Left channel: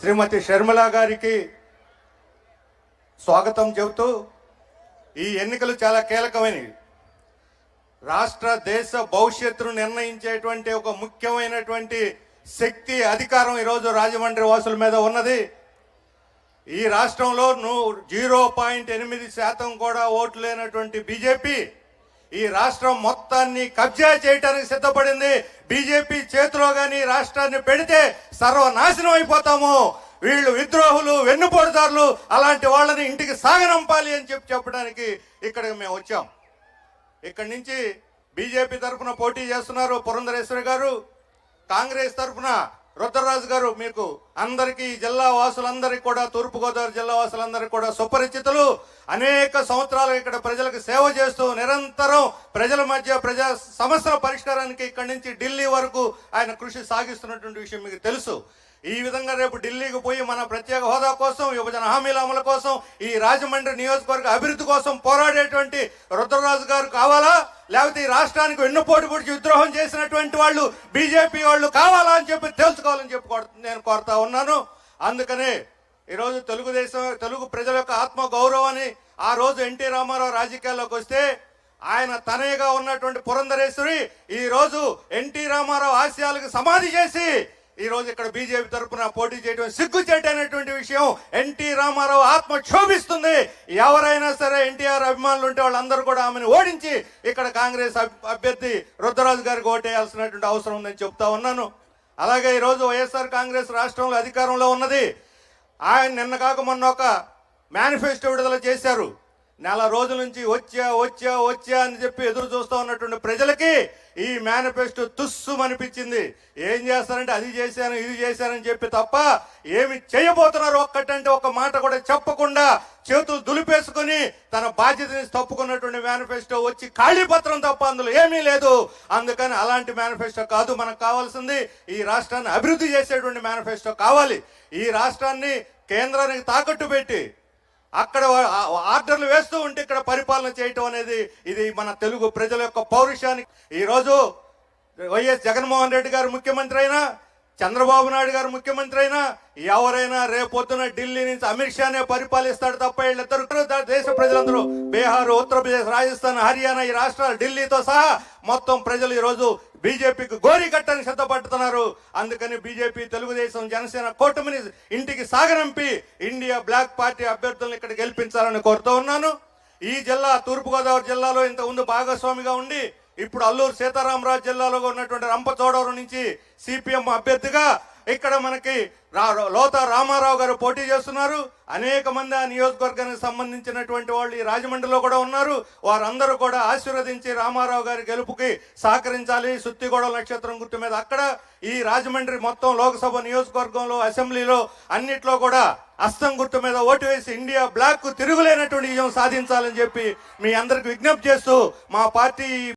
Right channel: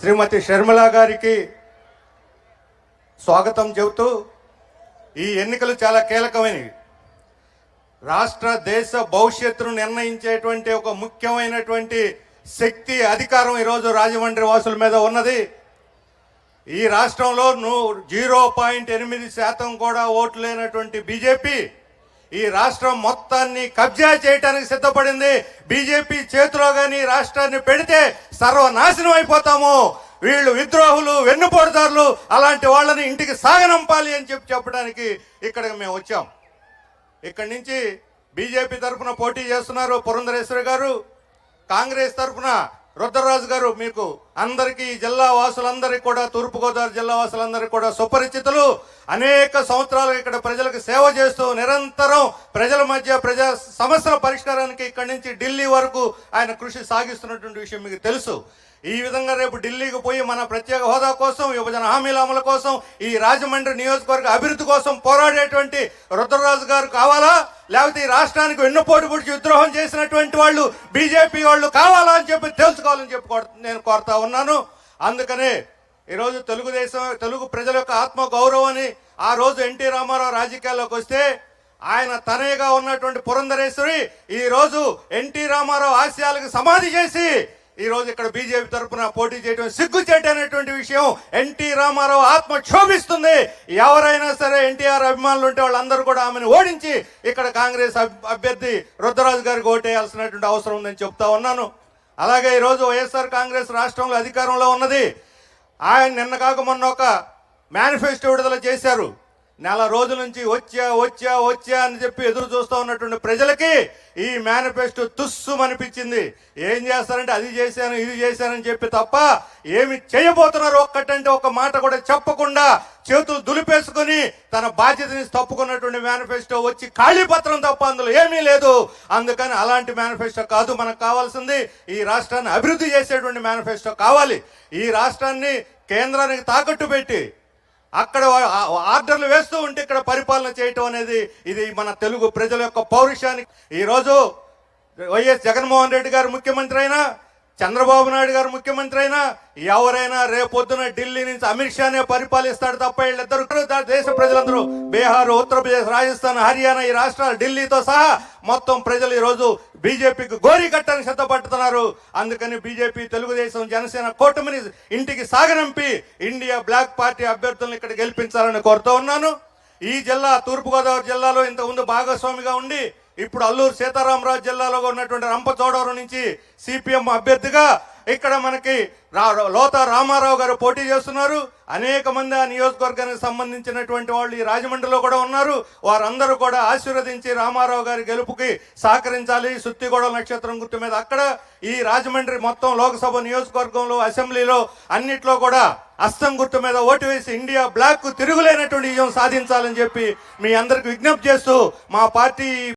శ్రీమతి షర్మిల గారికి స్వాగతం చెబుతూ, ఈ ఎన్నికలు చాలా కీలకమైనవి. రాష్ట్ర దేశ భవిష్యత్తును నిర్ణయించేటువంటి ఒక ముఖ్యమైనటువంటి శక్తి, అధికారం ఈరోజు రాజమండ్రి వాసుల మీద ఉన్నది. ఈ రాష్ట్రంలో 0.8% కూడా ఓట్లు లేనటువంటి బీజేపీ ఈ రాష్ట్రం మొత్తాన్ని కబ్జా చేయడానికి సిద్ధపడింది. బీజేపీ చేతిలో కానీ రాష్ట్రాన్ని పెడితే సర్వనాశనం అయిపోతాము. వీళ్ళు విద్రోహులు, వెన్నుపోటుదారులు, అలాంటి వాళ్ళని ఇంటికి సాగనంపాలి అని చెప్పడానికి ఇక్కడికి మేము వచ్చాం. ఇక్కడి నుంచి బీజేపీ తరఫున పోటీ చేస్తున్నారు పురంధరేశ్వరి గారు, కాంగ్రెస్ తరఫున రుద్రరాజు గారు. మీకు అందరికీ, జిల్లా వాసులందరికీ కూడా, తూర్పుగోదావరి జిల్లా వాసులందరికీ కూడా సుపరిచితులు. అనేక సంవత్సరాలు ఇక్కడ ప్రజలకు సేవ చేస్తూ నిరంతరం ప్రజల మధ్య ప్రజా సమస్యల పరిష్కారానికి ఇక్కడి నుంచి ఢిల్లీ వరకు ఆయన కృషి సాగిస్తున్నటువంటి విషయం మీకు తెలుసు. ఈ విధంగా రేపు ఢిల్లీకి పోయి మన ప్రత్యేక హోదా కోసం, విభజన హామీల అమలు కోసం, ఈ రాజమండ్రి నియోజకవర్గ అభివృద్ధి కోసం పోరాడేటువంటి రుద్రరాజు గారు కావాలా, లేకపోతే ఈ రాష్ట్రానికి వెన్నుపోటు పొడిచి విద్రోహం చేసినటువంటి వాళ్ళు బీజేపీ వాళ్ళు కావాలా అని చెప్పి తెలుసుకోవాలని చెప్పి నేను కోరుతా ఉన్నాను. అందుకనే ఈరోజు తెలుగు ప్రజల యొక్క ఆత్మ గౌరవాన్ని, ఆ రోజు ఎన్టీ రామారావు రాజకీయాల్లోకి వస్తే ఆయన తనయగా ఉన్నటువంటి పురంధరేశ్వరి ఈ రోజు ఎన్టీ రామారావు ఆశయాలకు సమాధి చేసి ఈ రోజు ఇక్కడ బీజేపీ తరఫున పోటీ చేయడం సిగ్గుచేటు అనేటువంటి విషయం. ఎన్టీ రామారావు ఆత్మ క్షోభిస్తుంది. ఎవరైనా సరే ఎన్టీఆర్ అభిమానులు ఉంటే వాళ్ళందరూ కూడా ఆమెను ఓడించి ఇక్కడ కాంగ్రెస్ అభ్యర్థి రుద్రరాజు గారికి ఓటేయాల్సినటువంటి అవసరం ఉందని చెప్తా ఉన్నాను. అలాగే ఈరోజు వైఎస్ఆర్ కాంగ్రెస్ రాష్ట్రంలో అధికారంలో ఉన్నది. ఆయన నిన్న కాక మొన్న ఒక మేనిఫెస్టో విడుదల చేశారు. నెల రోజుల నుంచి వచ్చా అని చెప్పి ఎదురు చూస్తూ ఉన్నటువంటి ప్రజలకి ఈ మేనిఫెస్టో తుస్సుమనిపించింది. ఏం చేస్తారంటే అది చేశాను, ఇది చేశానని చెప్పి తప్ప ఏమి చేయబోతున్నారు ఒక్కటంటే ఒక మాట కూడా చెప్పకుండా చేతులు దులిపేసుకుని తన బాధ్యతని తప్పుకున్నటువంటి మేనిఫెస్టో వచ్చి ఖాళీ పత్రం తప్ప అందులో ఏమీ లేదు. అందుకని అలాంటి మేనిఫెస్టో కాదు మనకు కావాల్సింది. ఈ రాష్ట్రాన్ని అభివృద్ధి చేసేటువంటి మేనిఫెస్టో కావాలి. ఈ రాష్ట్రాన్ని కేంద్రానికి తాకట్టు పెట్టి అక్కడ ఆర్డర్లు వేస్తూ ఉంటే ఇక్కడ పరిపాలన చేయటం అనేది ఇది మన తెలుగు ప్రజల యొక్క పౌరుషానికి. ఈరోజు వైఎస్ జగన్మోహన్ రెడ్డి గారు ముఖ్యమంత్రి అయినా, చంద్రబాబు నాయుడు గారు ముఖ్యమంత్రి అయినా, ఎవరైనా రేపొద్దున ఢిల్లీ నుంచి అమిత్ షానే పరిపాలిస్తాడు తప్ప వీళ్ళిద్దరు దేశ ప్రజలందరూ బీహార్, ఉత్తరప్రదేశ్, రాజస్థాన్, హర్యానా ఈ రాష్ట్రాలు ఢిల్లీతో సహా మొత్తం ప్రజలు ఈరోజు బీజేపీకి గోరీ కట్టని సిద్ధపడుతున్నారు. అందుకని బీజేపీ, తెలుగుదేశం, జనసేన కూటమిని ఇంటికి సాగనంపి ఇండియా బ్లాక్ పార్టీ అభ్యర్థులను ఇక్కడ గెలిపించాలని కోరుతూ ఉన్నాను. ఈ జిల్లా తూర్పుగోదావరి జిల్లాలో ఇంతకుముందు భాగస్వామిగా ఉండి ఇప్పుడు అల్లూరు సీతారామరాజు జిల్లాలో ఉన్నటువంటి రంపచోడవరం నుంచి సిపిఎం అభ్యర్థిగా ఇక్కడ మనకి లోతా రామారావు గారు పోటీ చేస్తున్నారు. అనేక మంది ఆ నియోజకవర్గానికి సంబంధించినటువంటి వాళ్ళు ఈ రాజమండ్రిలో కూడా ఉన్నారు. వారందరూ కూడా ఆశీర్వదించి రామారావు గారి గెలుపుకి సహకరించాలి. సుత్తిగూడ నక్షత్రం గుర్తు మీద అక్కడ ఈ రాజమండ్రి మొత్తం లోక్సభ నియోజకవర్గంలో, అసెంబ్లీలో అన్నిట్లో కూడా అస్తం గుర్తు మీద ఓటు వేసి ఇండియా బ్లాక్ తిరుగులేనటువంటి విజయం సాధించాలని చెప్పి మీ అందరికి విజ్ఞప్తి చేస్తూ మా పార్టీ